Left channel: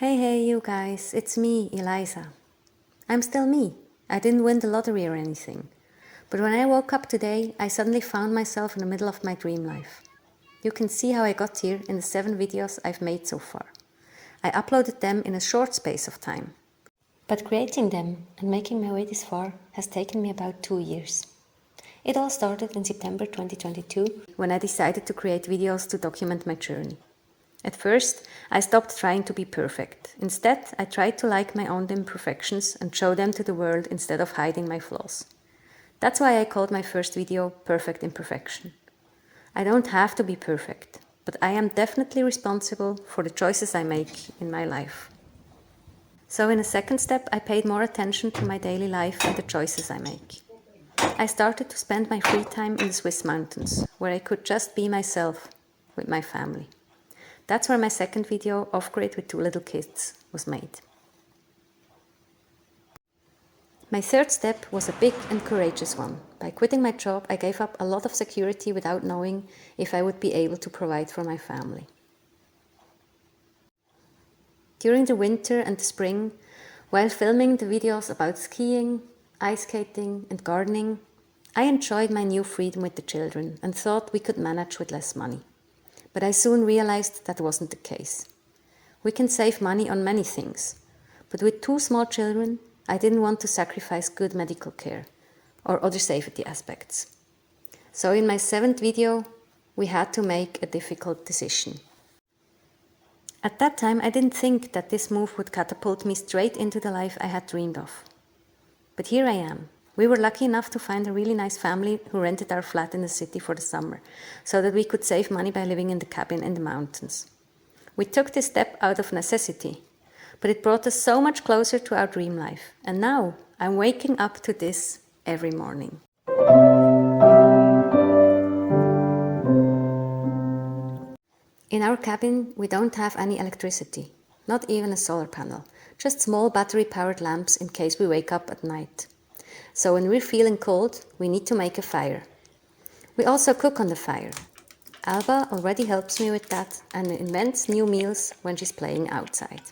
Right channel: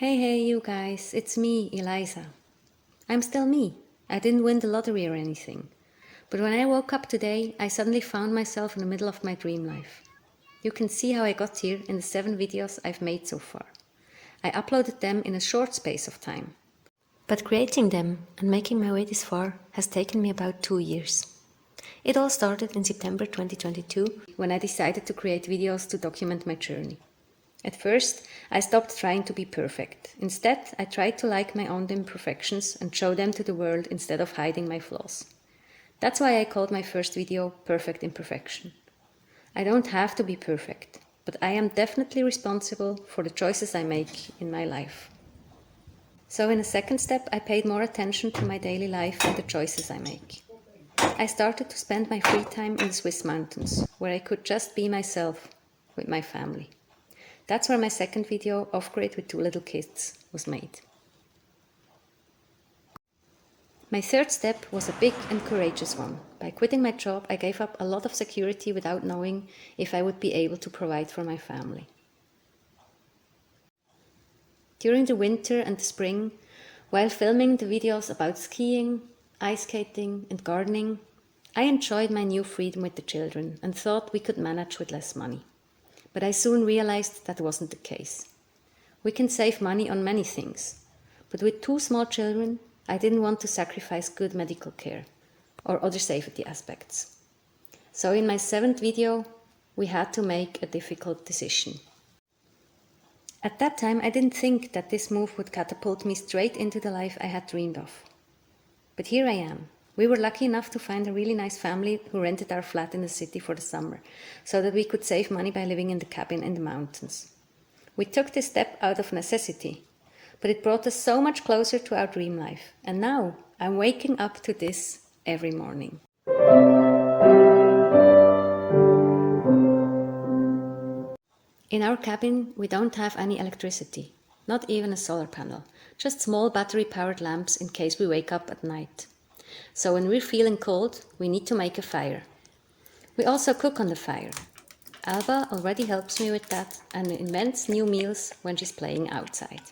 Hey, you guys, it's me, Eliza. I'm still me. I didn't win the lottery or anything. But when I woke up today, I suddenly found myself in the middle of my dream life. You can see how I got here in the 7 videos I've made so far. I uploaded them in a short space of time. But creating them and making my way this far has taken me about 2 years. It all started in September 2022 when I decided to create videos to document my journey. At first, I stopped trying to be perfect. Instead, I tried to like my own imperfections and show them to the world instead of hiding my flaws. That's why I called my first video Perfect Imperfection. I don't have to be perfect, but I am definitely responsible for the choices I make in my life. So in a second step, I paid more attention to my daily life and the choices I make. I started to spend my free time in the Swiss mountains, where I could just be myself with my family. That's where my second video, Off-Grid with 2 little kids, was made. My third step was a big and courageous one. By quitting my job, I gave up a lot of security without knowing if I would be able to provide for my family. During the winter and the spring, while filming the videos about skiing, ice skating and gardening, I enjoyed my new freedom with the children and thought we could manage with less money. But I soon realized that wasn't the case. We can save money on many things, but with 2 small children, I didn't want to sacrifice good medical care or other safety aspects. So in my 7th video, we had to make a difficult decision. At that time, I didn't think that this move would catapult me straight into the life I had dreamed of. But here I am. We were lucky enough to find a really nice family who rented our flat in the city for the summer, so that we could save money by living in the cabin in the mountains. We took this step out of necessity, but it brought us so much closer to our dream life. And now I'm waking up to this every morning. In our cabin, we don't have any electricity, not even a solar panel, just small battery-powered lamps in case we wake up at night. So when we're feeling cold, we need to make a fire. We also cook on the fire. Alba already helps me with that and invents new meals when she's playing outside.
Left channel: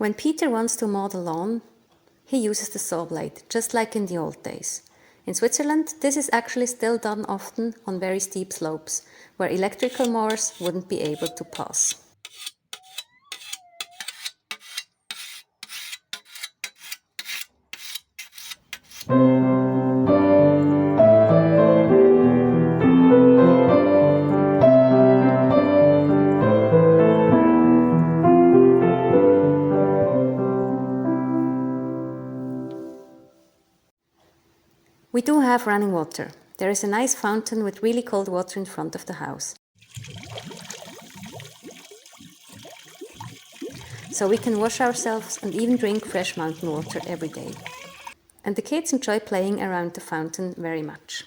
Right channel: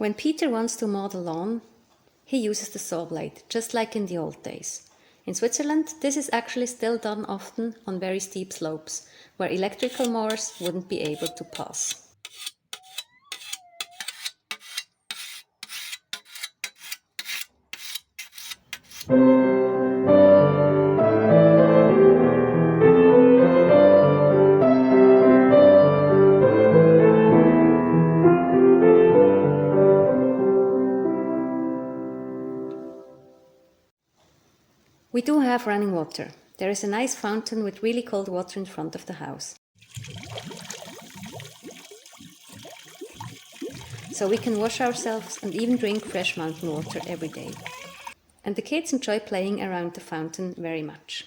When Peter wants to mow the lawn, he uses the saw blade, just like in the old days. In Switzerland, this is actually still done often on very steep slopes, where electrical mowers wouldn't be able to pass. We do have running water. There is a nice fountain with really cold water in front of the house. So we can wash ourselves and even drink fresh mountain water every day. And the kids enjoy playing around the fountain very much.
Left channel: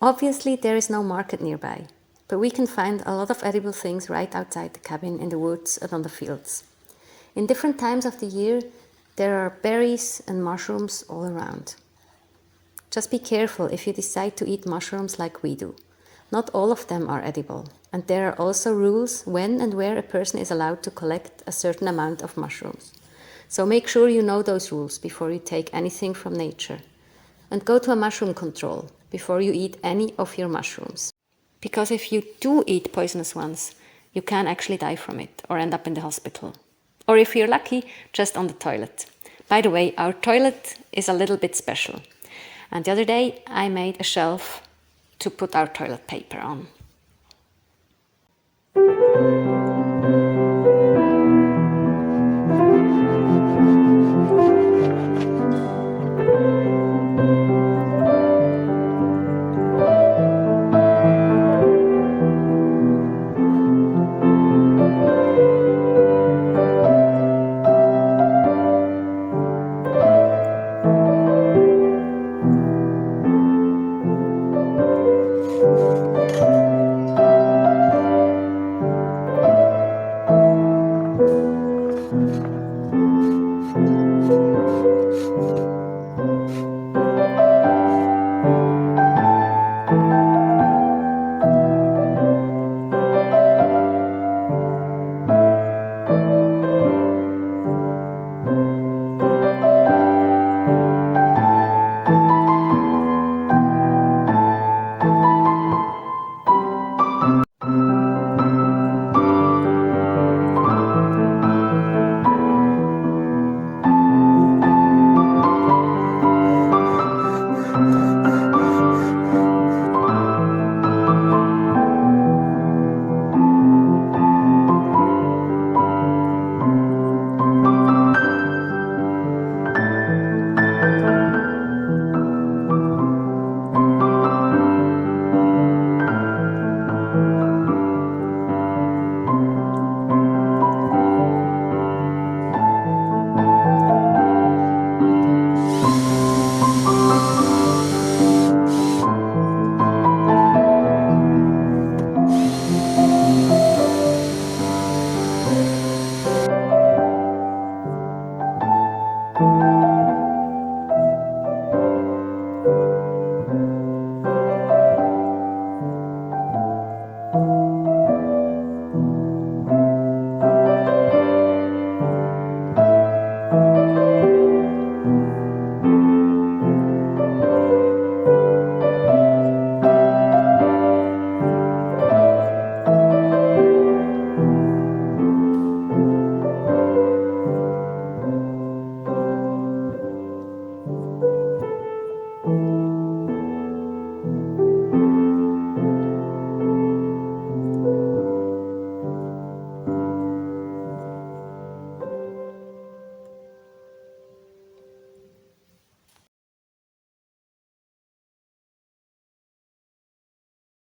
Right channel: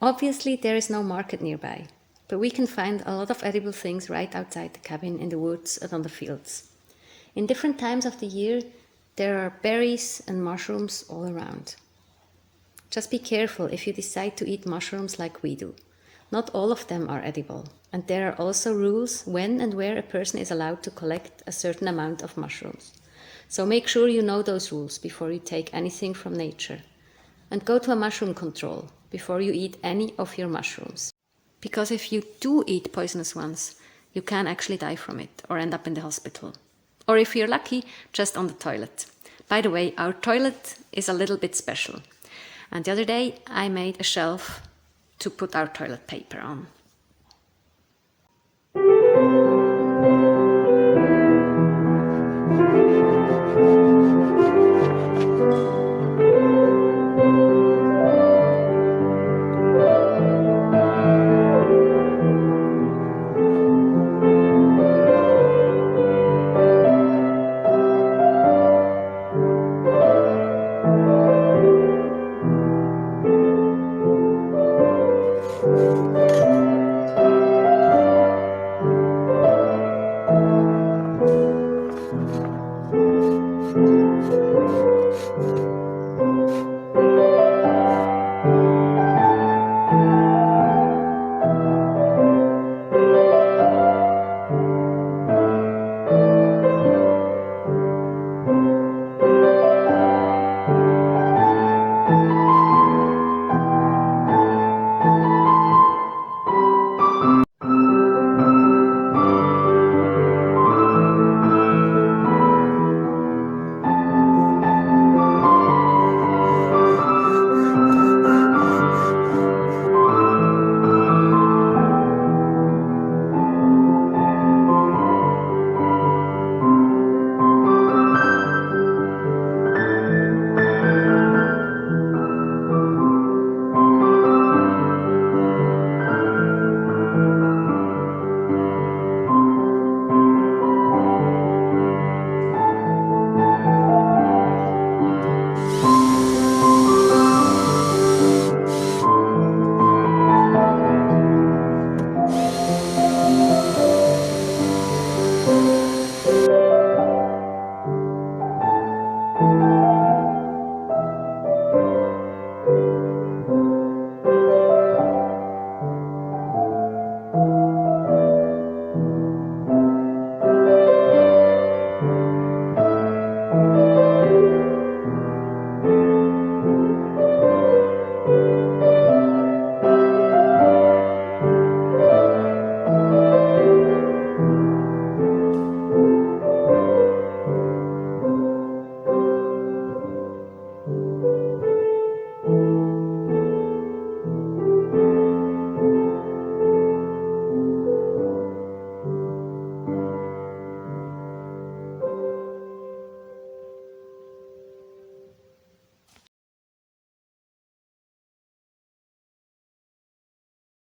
Obviously, there is no market nearby, but we can find a lot of edible things right outside the cabin in the woods and on the fields. In different times of the year, there are berries and mushrooms all around. Just be careful if you decide to eat mushrooms like we do. Not all of them are edible, and there are also rules when and where a person is allowed to collect a certain amount of mushrooms. So make sure you know those rules before you take anything from nature. And go to a mushroom control before you eat any of your mushrooms. Because if you do eat poisonous ones, you can actually die from it or end up in the hospital. Or if you're lucky, just on the toilet. By the way, our toilet is a little bit special. And the other day I made a shelf to put our toilet paper on.